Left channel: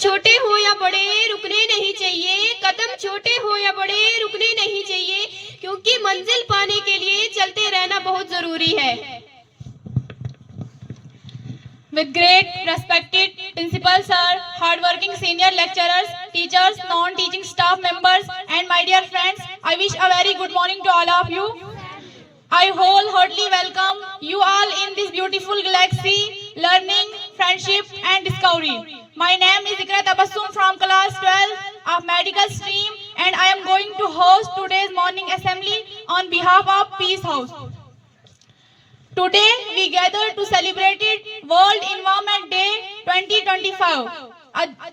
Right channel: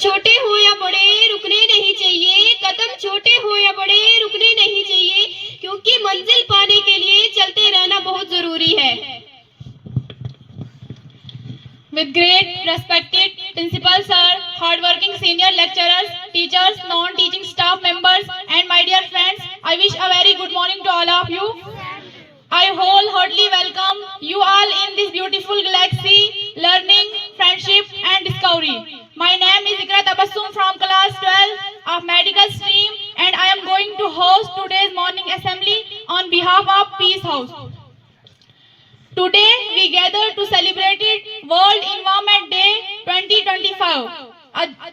छोटे हो या बड़े रुकने नहीं चाहिए, कदम छोटे हो या बड़े रुकने नहीं चाहिए, क्योंकि मंजिल पाने के लिए चलते रहना बहुत जरूरी है। With great respected principal sir, hardworking senior lecturers, teachers, non-teaching staff members, and my dear friends, I wish a very good morning to all of you. I wholeheartedly welcome you all in this beautiful galaxy, learning, friendship, and discovery. My name is Ikra Tabassum from class 12 of medical stream, and I am going to host today's morning assembly on behalf of Peace House. Today we gather to celebrate World Environment Day 2025,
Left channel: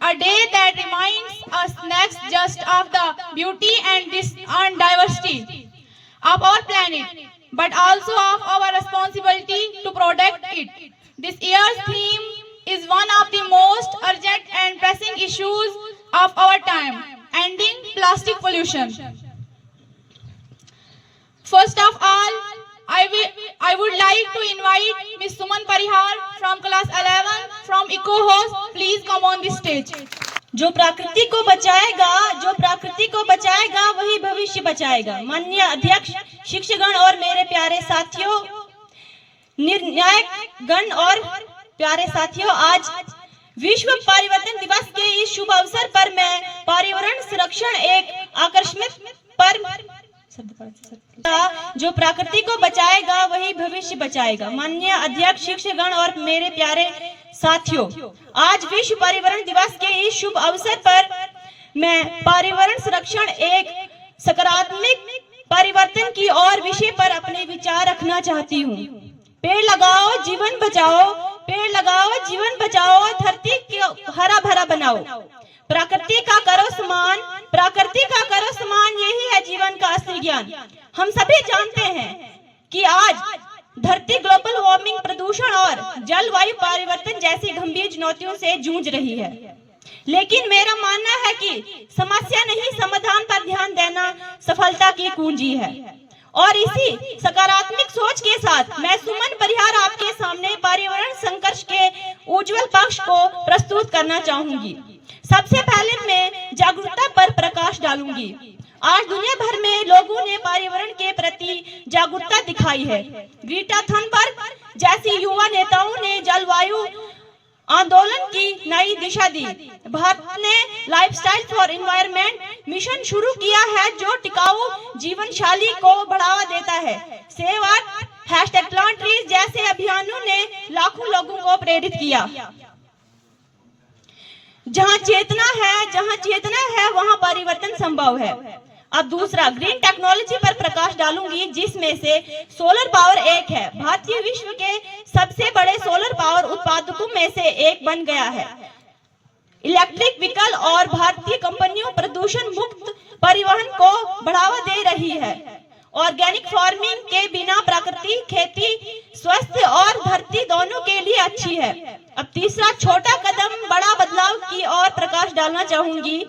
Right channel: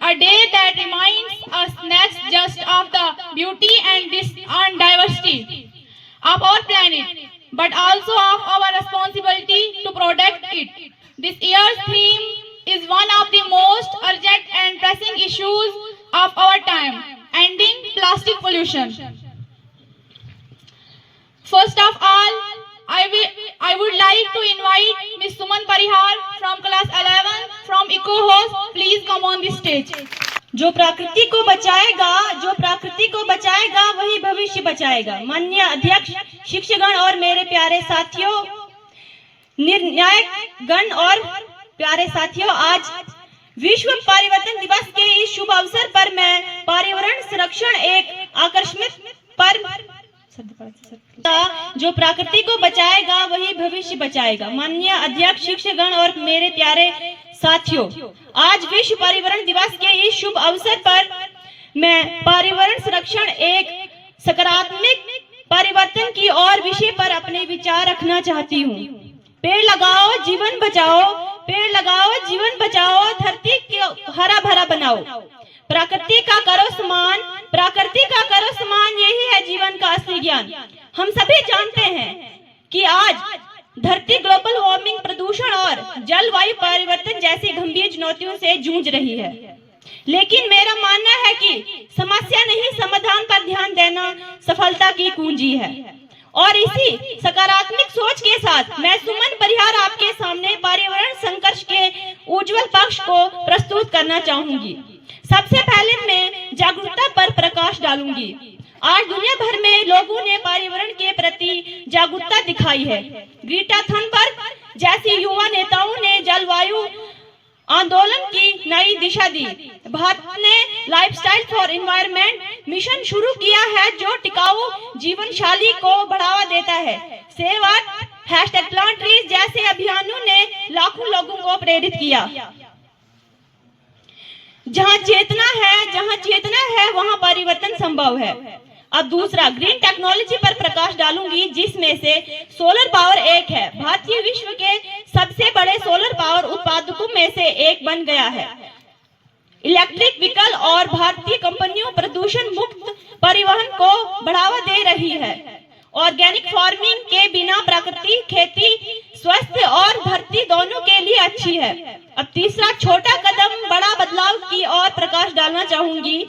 a day that reminds us not just of the beauty and diversity of our planet, but also of our responsibility to protect it. This year's theme is one of the most urgent and pressing issues of our time: ending plastic pollution. First of all, I would like to invite Ms. Suman Parihar from class 11 from Eco House. Please come on the stage. जो प्रकृति को बचाएगा वही भविष्य बचाएगा। माननीय अध्यक्ष, शिक्षकगण और मेरे प्यारे साथियों, निर्णायक गण और प्यारे साथियों, आज विश्व परिवर्तन दिवस के इस शुभ अवसर पर मैं पर्यावरण संरक्षण एक आकर्षक पर्व, जो प्रकृति को बचाएगा वही भविष्य बचाएगा। माननीय अध्यक्ष, शिक्षकगण और मेरे प्यारे साथियों, आज विश्व पर्यावरण दिवस के इस शुभ अवसर पर मैं पर्यावरण संरक्षण एक सकारात्मक परिवर्तन की और विषय पर अपने विचार रखना चाहती हूँ। पेड़ लगाओ जीवन बचाओ, पेड़ लगाओ जीवन बचाओ, धरती को हरा भरा बनाओ, प्रकृति का करो सम्मान, प्रकृति का करो सम्मान, यही है जीवन का असली ज्ञान। हम सभी जानते हैं कि आज धरती ग्लोबल वार्मिंग, प्रदूषण और जलवायु परिवर्तन जैसी गंभीर चुनौतियों से जूझ रही है, लेकिन मेरा मानना है कि समस्या नहीं, समाधान पर ध्यान देना सफलता की कुंजी है। और इसी सकारात्मक सोच के साथ मैं सुमन परिहार आपके सामने पर्यावरण संघर्ष के उज्जवल पक्ष को प्रस्तुत करना चाहूंगी। सबसे पहले मैं जागरूकता पर प्रकाश डालूंगी। आज दुनिया भर में लोगों ने पर्यावरण के प्रति जागरूकता दिखाई है। ग्रेटा थनबर्ग जैसी युवा नेताओं ने जलवायु आंदोलन की नई दिशा दी। भारत ने लाइफस्टाइल फॉर एनवायरनमेंट मिशन शुरू किया है, जो टिकाऊ जीवन शैली को बढ़ावा देता है। सेव अर्थ, #प्लांट ट्रीज जैसे अभियानों ने लाखों लोगों को प्रेरित किया। जहां चेतना है वहां परिवर्तन संभव है। अब दूसरा, ग्रीन टेक्नोलॉजी पर प्रकाश डालूंगी, जिसमें से सोलर पावर एक है। भारतीय विश्व के सबसे बड़े सोलर पावर उत्पादकों में से एक बन गया है। इलेक्ट्रिक व्हीकल और भारतीय कंपनियों प्रदूषण मुक्त परिवहन को बढ़ावा दे रही है। ऑर्गेनिक फार्मिंग के बिना प्राकृतिक खेती स्वस्थ और धरती दोनों के लिए अच्छी है। अब तीसरा, छोटा कदम बड़ा बदलाव की ओर प्रकाश डालना चाहूंगी।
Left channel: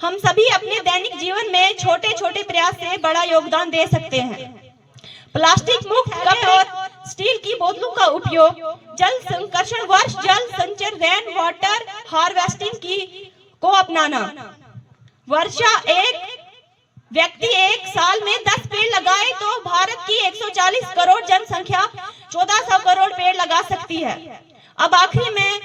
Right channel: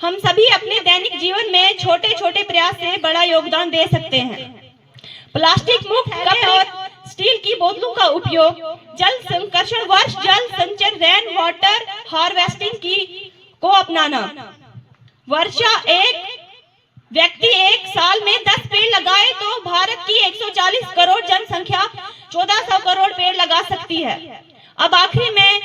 हम सभी अपने दैनिक जीवन में छोटे छोटे प्रयास से बड़ा योगदान दे सकते हैं। प्लास्टिक मुक्त कप और स्टील की बोतलों का उपयोग, जल संरक्षण, वर्ष जल संचय, रेन वाटर हार्वेस्टिंग को अपनाना। वर्षा एक व्यक्ति एक साल में 10 पेड़ लगाए तो भारत की 140 करोड़ जनसंख्या 1400 करोड़ पेड़ लगा सकती है। अब आखिरी में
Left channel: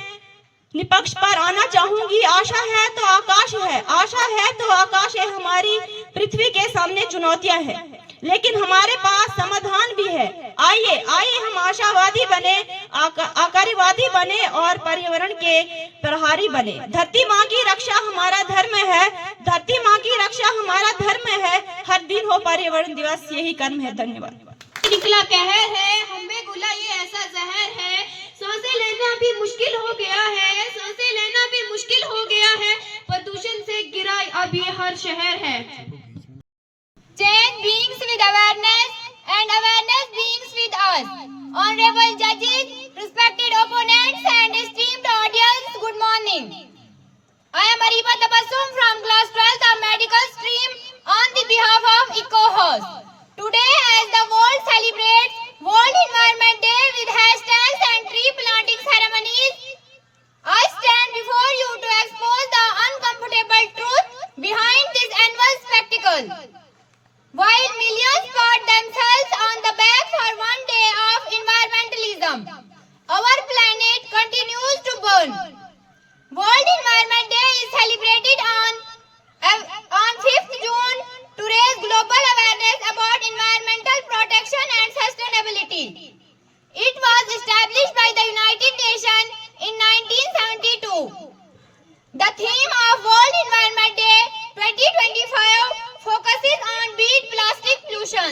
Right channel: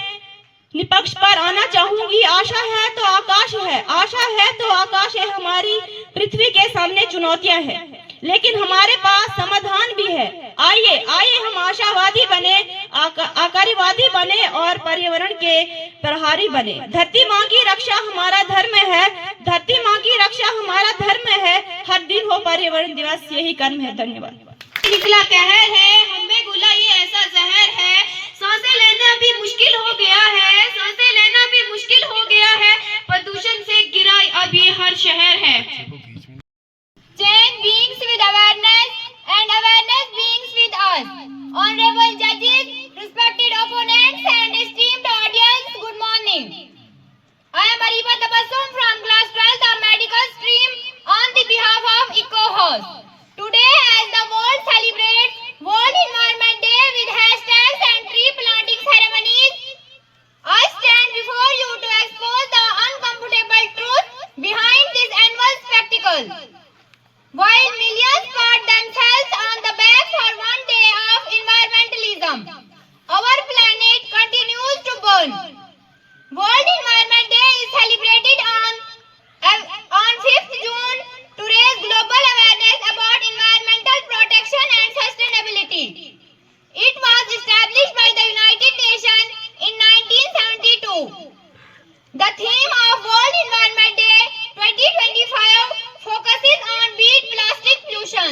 निष्पक्ष पर आना चाहूंगी। आशा है तो आकाश है, आशा है तो आकाश है। हमारी पृथ्वी के सामने चुनौतियां हैं, लेकिन हमारे पास समाधान भी है। आइए हम आशावादी बने, आकारीवादी बने और पर्यावरण के प्रहारी बने। धरती माँ की रक्षा हमारा धर्म है, धरती माँ की रक्षा हमारा धर्म है। हर दिन हो पर्यावरण दिवस, यही कर्म है। धन्यवाद। निकला कहर है, हमें गुला ये ऐसा जहर है, सांसें लेना भी मुश्किल हो गया है, सांसें लेना भी मुश्किल हो गया है, प्रदूषण से गिरा अब ये हर शहर है। Change beings with awareness and awareness beings with us. Honorable judges, respected opponents and esteemed audience, good morning. I am Ariba Tabassum from class 12th of medical stream on the behalf of Eco House. Today, as the world celebrates World Environment Day with hashtags and tree planting ceremonies, I stand before you to expose the celebrated on 5th June to raise global awareness about environmental protection and sustainability. It was established by the United Nations in 1972. The theme of World Environment Day 2025 focuses on beat plastic pollution.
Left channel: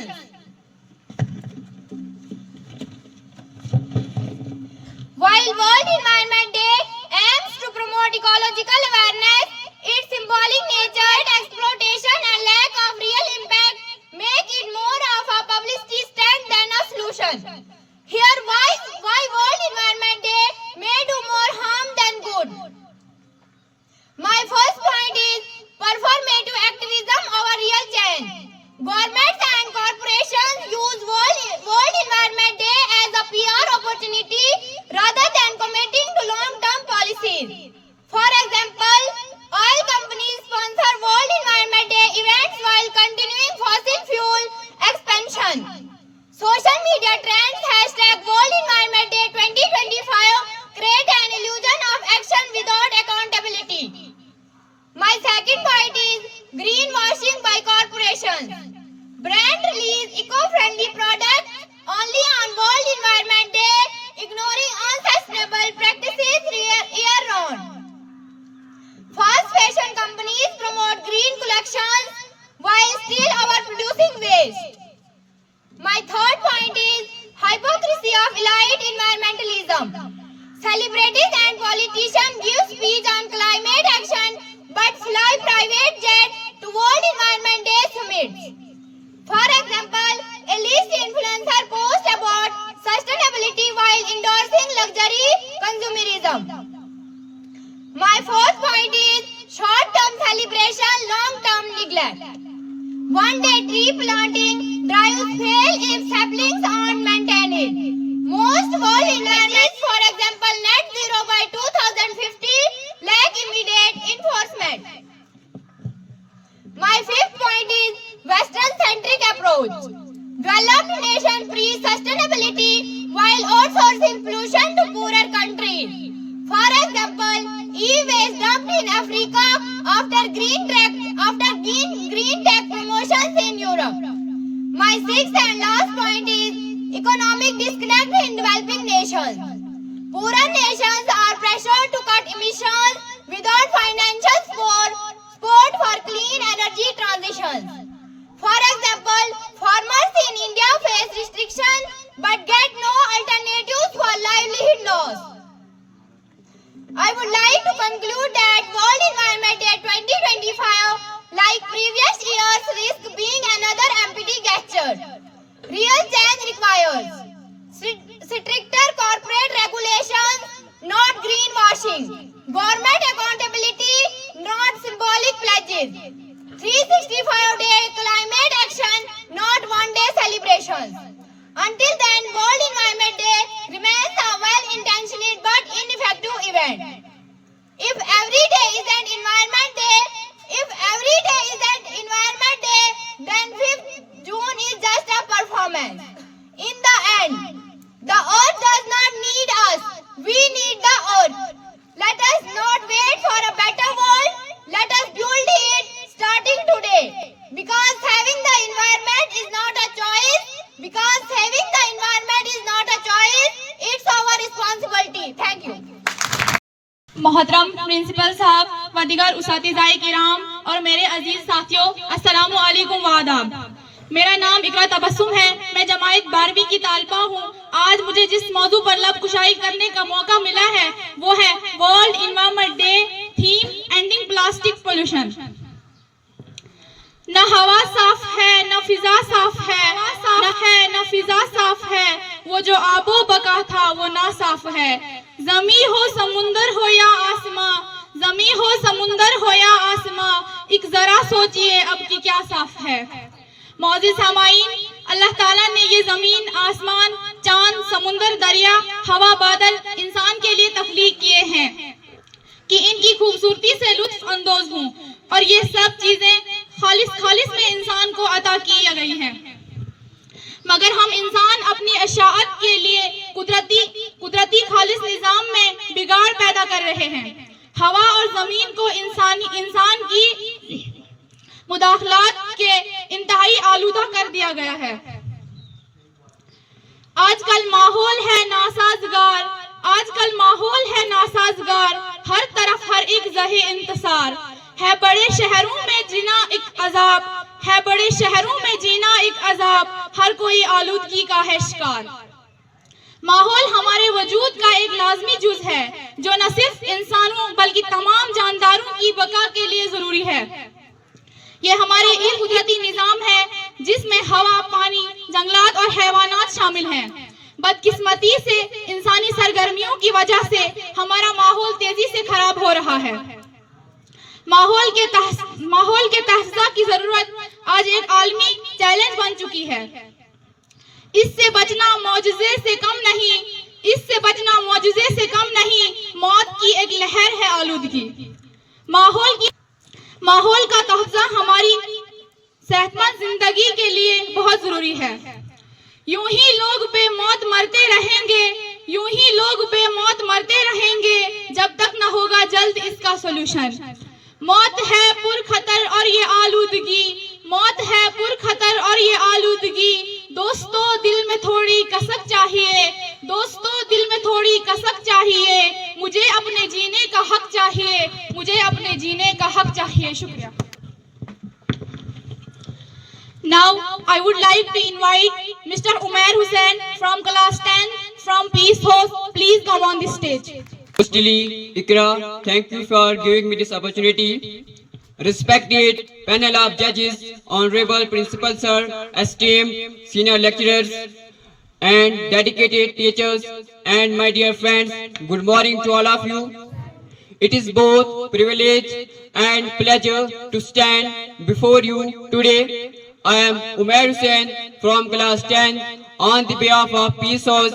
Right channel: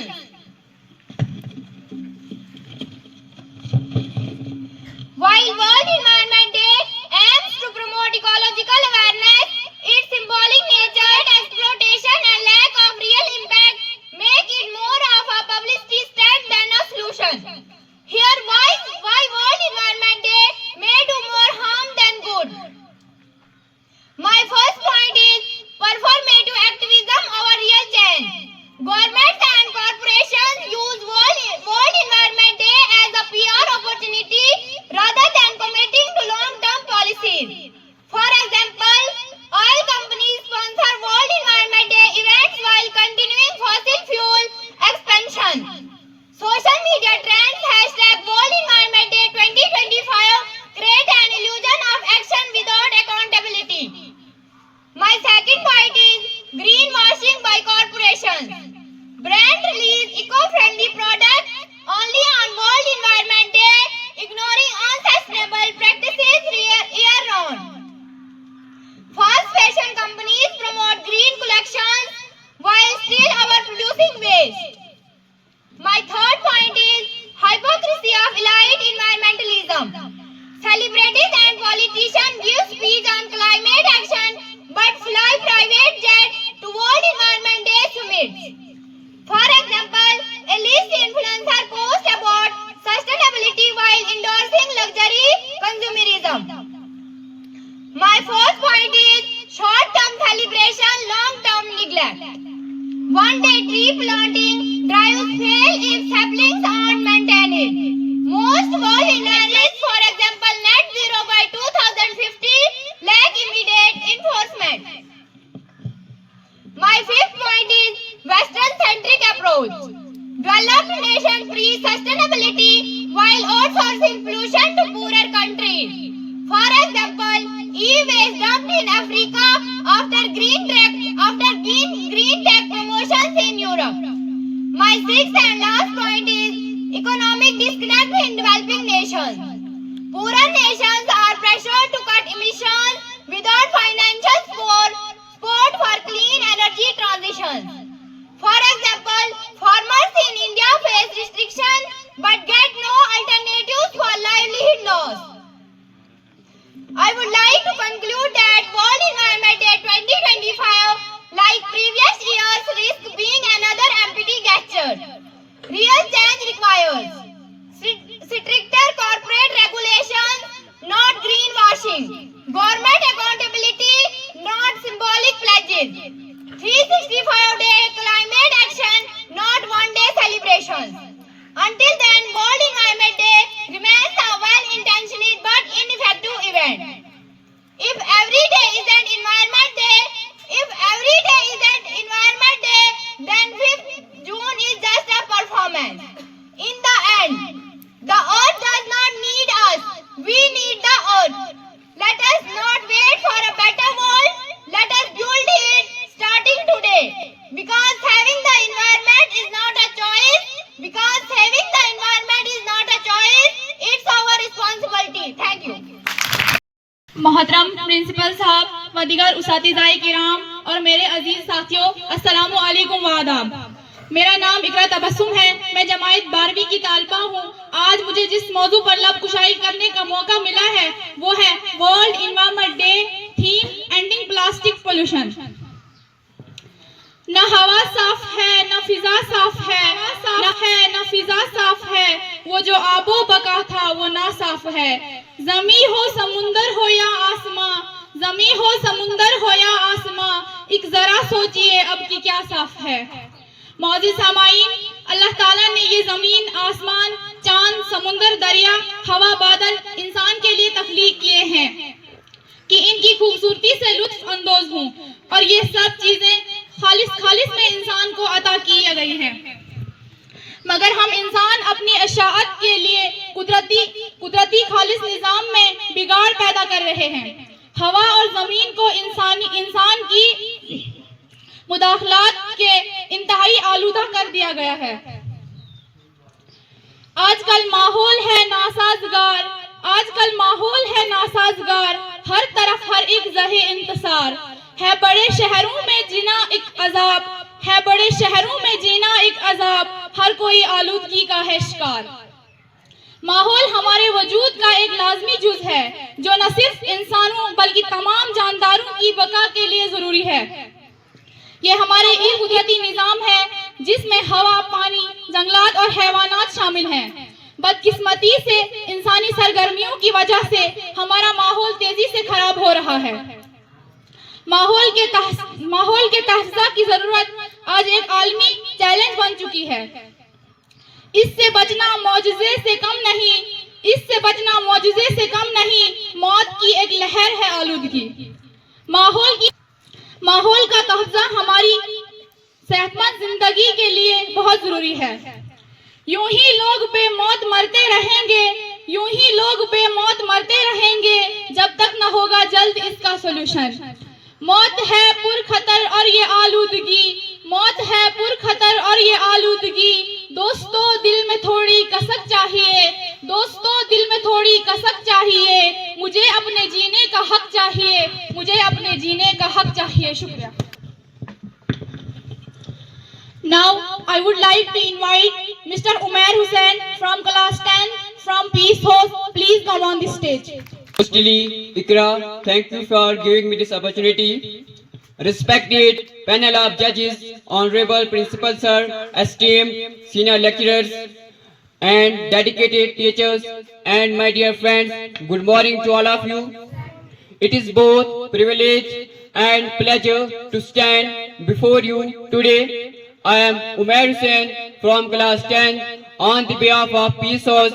While World Environment Day aims to promote ecological awareness, its symbolic nature, exploitation and lack of real impact make it more of a publicity stunt than a solution. Here why World Environment Day may do more harm than good. My first point is performative activism over real change. Governments and corporations use World Environment Day as a PR opportunity rather than committing to long-term policies. For example, oil companies sponsor World Environment Day events while continuing fossil fuel expansion. Social media trends #World Environment Day 2025 create an illusion of action without accountability. My second point is greenwashing by corporations. Brands release eco-friendly products only on World Environment Day, ignoring unsustainable practices year-round. Fast fashion companies promote green collections while still overproducing waste. My third point is hypocrisy of elite environmentalism. Celebrities and politicians give speech on climate action but fly private jets to World Environment Day summits. For example, a list influencer posts about sustainability while endorsing luxury consumerism. My fourth point is short-term celebration, long-term neglect. One-day tree planting drives fail if saplings aren't maintained. Most world initiatives, for example, net zero by 2050, lack immediate enforcement. My fifth point is Western-centric approach. Developed nations preach sustainability while outsourcing pollution to poorer countries. For example, e-waste dumped in Africa after green tech promotions in Europe. My sixth and last point is economic disconnect in developing nations. Poorer nations are pressured to cut emissions without financial support for clean energy transition. For example, farmers in India face restrictions but get no alternatives for livelihood loss. I would like to conclude that World Environment Day 2025, like previous years, risks being another empty gesture. Real change requires stricter corporate regulations, not greenwashing. Government accountability, not symbolic pledges. 365-day climate action, not one-day celebrations. Until then, World Environment Day remains a well-intentioned but ineffective event. If every day isn't Environment Day, then 5th June is just a performance. In the end, the earth does not need us. We need the earth. Let us not wait for a better world. Let us build it starting today. Because saving the environment is not a choice. It's our responsibility. Thank you. मोहतरम principal साहब व दीगर उस्तादिज़ाए किराम और मेरे अजीज साथियों, अस्सलामु अलैकुम व आदाब। मेरा नाम इकरा तबस्सुम है। मैं जमात 12वीं की तालिबा हूँ। आज मुझे जिस मौजू पर लब कुशाई करने का मौका मिला है वो है world environment day, theme ending plastic pollution. न हवा साफ है, न फिजा साफ है, न फिजा साफ है, वो जो आबो बका था वो ना साफ है। जमी हो समुंदर हो या आसमां, जमी हो समुंदर हो या आसमां, एक जरा सोचिए अब की क्या साफ है। मौजूद सामाईन, अल्लाह ताला ने ये जमीन, आसमान, चांद, समुंदर, दरिया, हवा, बादल इंसान के लिए तख्लीक किए हैं कि इनकी खूबसूरती से लुत्फ अंदोज हूँ, और ये सब चीजें खालिस में इंसान को अता की गई हैं। मगर हम इंसान अपनी अशाअत के लिए कुदरती खालिस निजाम में बिगाड़ पैदा कर रहे हैं। हवा और जमीन को इंसान की मुदाखलात के इंतहाई आलूदा कर दिया गया है। आजकल माहौल है नासाजगार, हर तरफ हर एक जहे इंतसार है। बड़े शहरों में जीना एक अजाब, हर कोई आलूदगी का है शिकार। माहौल हमारे वजूद का एक लाजमी जुज है, जो न सिर्फ इंसानों बल्कि तमाम जानदारों की बका के लिए जरूरी है। ये हमारे एक कुदरती निजाम है जिसमें हवा, पानी, जंगलात और हैवानात शामिल हैं। बदकिस्मती से इंसानी सरगर्मियों की वजह से हमारा माहौल तेजी से खराब हो रहा है। माहौल के तहफ़्फ़ुज़ की जरूरत आज एक आलमी चैलेंज बन चुकी है। इससे बचना मौजज़े से कम नहीं, मौत की एक लहर है आलूदगी। माहौल का तहफ़्फ़ुज़ हमारी सेहतमंद जिंदगी के लिए बहुत जरूरी है। यूं ही लोग बेमौत मरते रहेंगे जब तक न होगा जल्द इसका सोल्यूशन। मौत है पुरखतर और ये आलूदगी, दोस्तों दिल में थोड़ी कसक चाहिए, मुझे अपने जीने का हक चाहिए। शुक्रिया। Now I would like to invite Mr. Umair Hussain from class 10 from Peace House. Please come on the stage. Mostly, Ikra, thank you for giving me this opportunity. Respected panel of judges, honorable principal sir, esteemed senior lecturers, and dedicated teachers, and my dear friends, good morning to all of you. It is both privilege and pleasure to stand before you today. I am Umair Hussain from class 10 on the behalf of Peace House.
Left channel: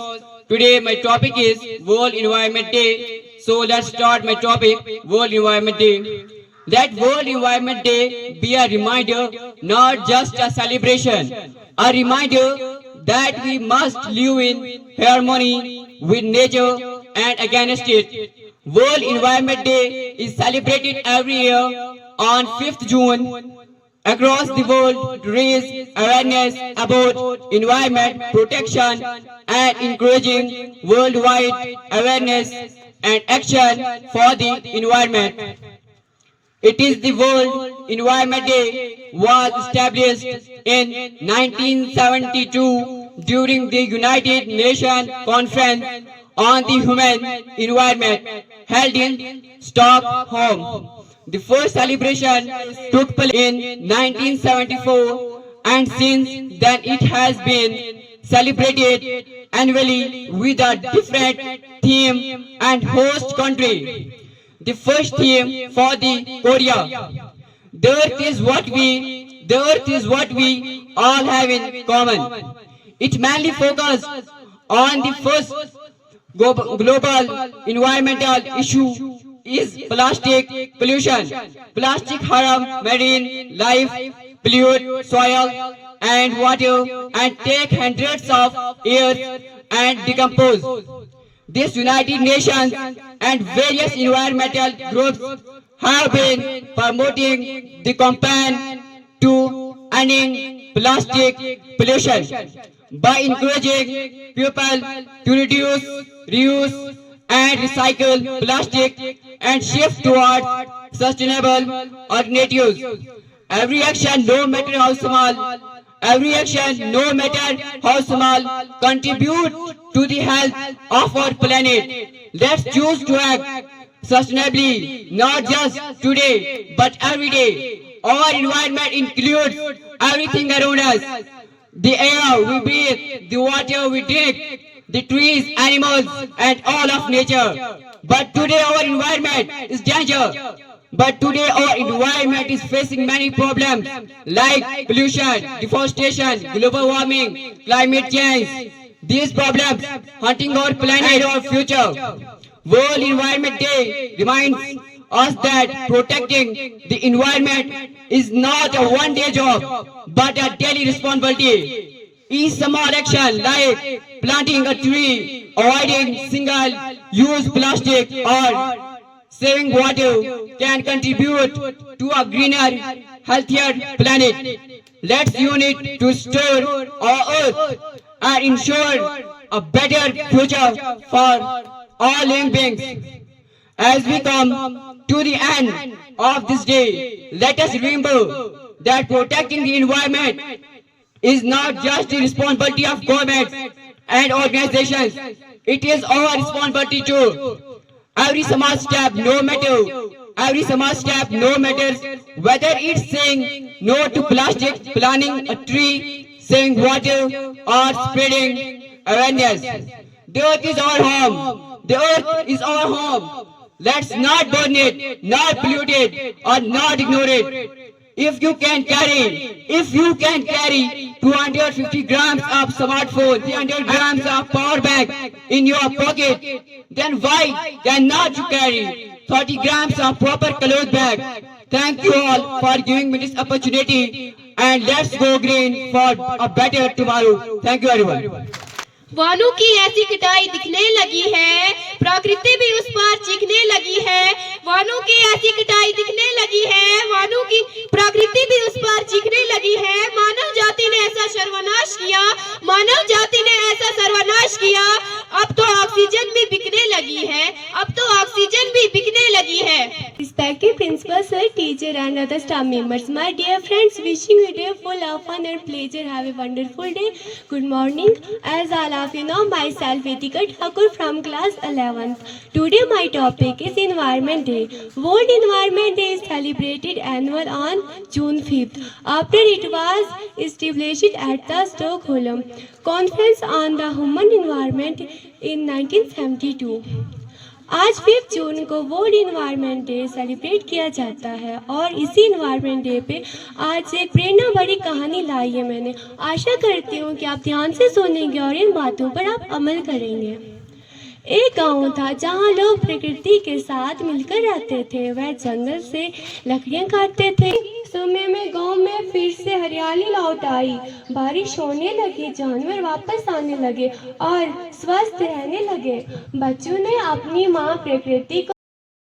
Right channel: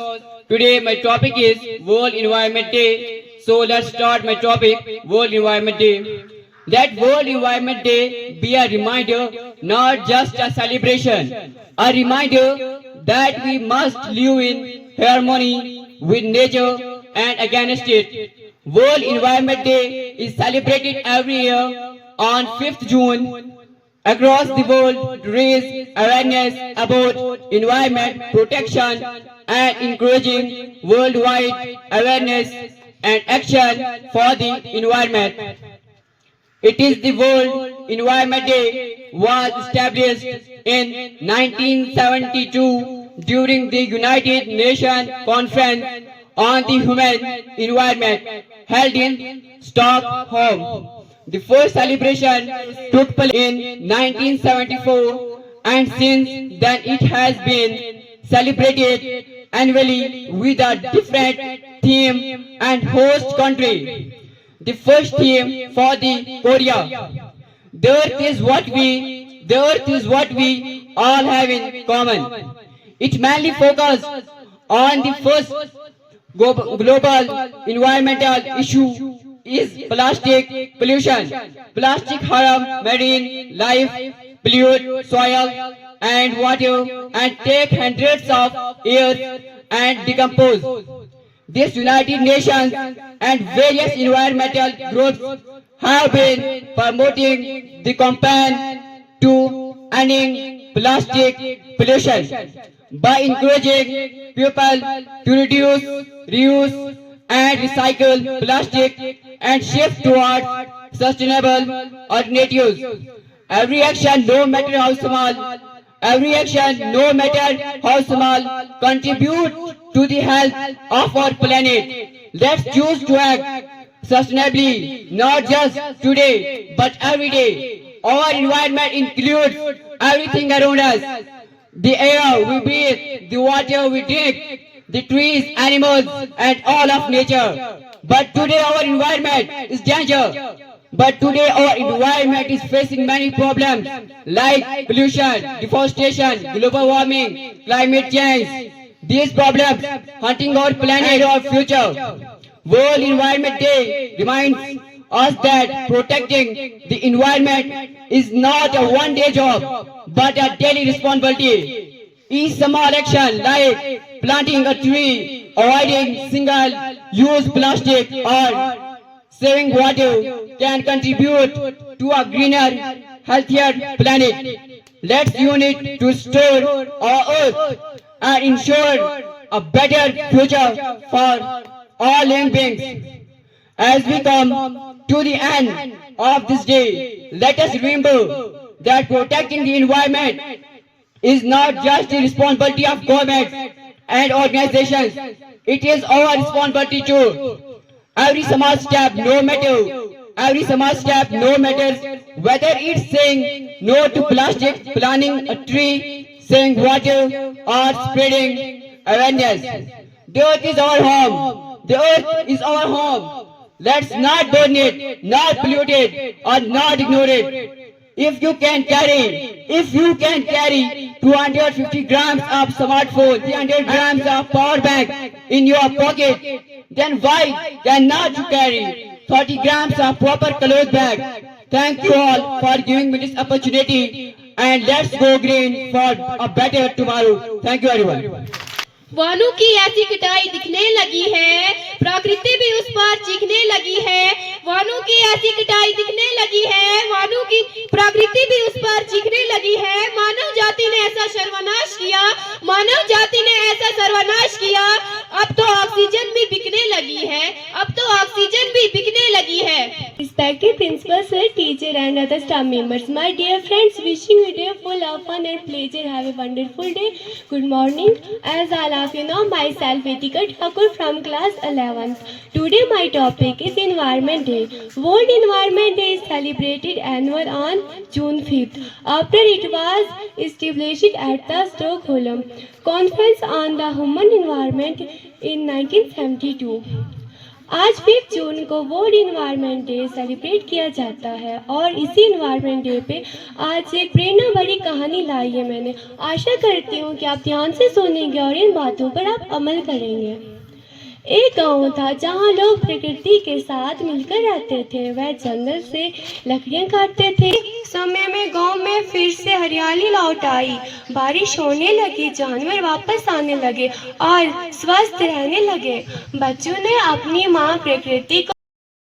Today my topic is World Environment Day. So let's start my topic, World Environment Day. Let World Environment Day be a reminder, not just a celebration, a reminder that we must live in harmony with nature and against it. World Environment Day is celebrated every year on 5th June across the world to raise awareness about environment protection and encouraging worldwide awareness and action for the environment. It is the World Environment Day was established in 1972 during the United Nations Conference on the Human Environment held in Stockholm. The first celebration took place in 1974 and since then it has been celebrated annually with a different theme and host country. The first theme for the Korea. The earth is what we all have in common. It mainly focused on the first global environmental issue is plastic pollution. Plastic harm marine life, pollute soil and water and take hundreds of years and decompose. This United Nations and various environmental groups have been promoting the campaign to ending plastic pollution by encouraging people to reduce, reuse and recycle plastic and shift towards sustainable alternatives. Every action, no matter how small, contribute to the health of our planet. Let's choose to act sustainably, not just today, but every day. Our environment includes everything around us. The air we breathe, the water we drink, the trees, animals, and all of nature. But today our environment is danger. But today our environment is facing many problems like pollution, deforestation, global warming, climate change. These problems hunting our planet, our future. World Environment Day reminds us that protecting the environment is not a one-day job, but a daily responsibility. Each small action like planting a tree, avoiding single-use plastic, or saving water can contribute to a greener, healthier planet. Let's unite to store our earth and ensure a better future for all living beings. As we come to the end of this day, let us remember that protecting the environment is not just the responsibility of governments and organizations. It is our responsibility too. Every small step, no matters whether it's saying no to plastic, planting a tree, saving water, or spreading awareness. The earth is our home. The earth is our home. Let's not burn it, not pollute it, or not ignore it. If you can carry 250 grams of smartphone, 300 grams of power bank in your pocket, then why cannot you carry 30 grams of proper clothes bag? Thank you all for giving me this opportunity, and let's go green for a better tomorrow. Thank you everyone. वनों की ऐसी कटाई दिखने लगी है, प्रकृति भी उस पर चीखने लगी है। वनों की ऐसी कटाई दिखने लगी है, वनों की प्रकृति भी उस पर चीखने लगी है। मानव जाति ने ऐसा सर्वनाश किया, मानव जाति ने ऐसा सर्वनाश किया। अब तो ऑक्सीजन भी बिकने लगी है, अब तो ऑक्सीजन भी बिकने लगी है। Respected principal sir, teacher and other staff members, my dear friends, wishing you a day full of fun and pleasure. Have a wonderful day. Good morning. As all of you know, myself Vetika Thakur from class 11th. Today my topic is Environment Day. World Environment Day is celebrated annual on June 5th. After it was established at the Stockholm Conference on the Human Environment in 1972. आज 5 जून को world environment day celebrate किया जाता है और इसी environment day पे आज एक प्रेरणा भरी कहानी लाई है मैंने। आशा करती हूँ कि आप ध्यान से सुनेंगे और इन बातों पर आप अमल करेंगे। एक गांव था जहां लोग प्रकृति के साथ मिलकर रहते थे। वह जंगल से लकड़ियां काटते थे। समय में गांव में फिर से हरियाली लौट आई, बारिश होने लगी, जानवर वापस आने लगे और स्वस्थ रहने लगे। बच्चों ने अपनी माँ प्रकृति को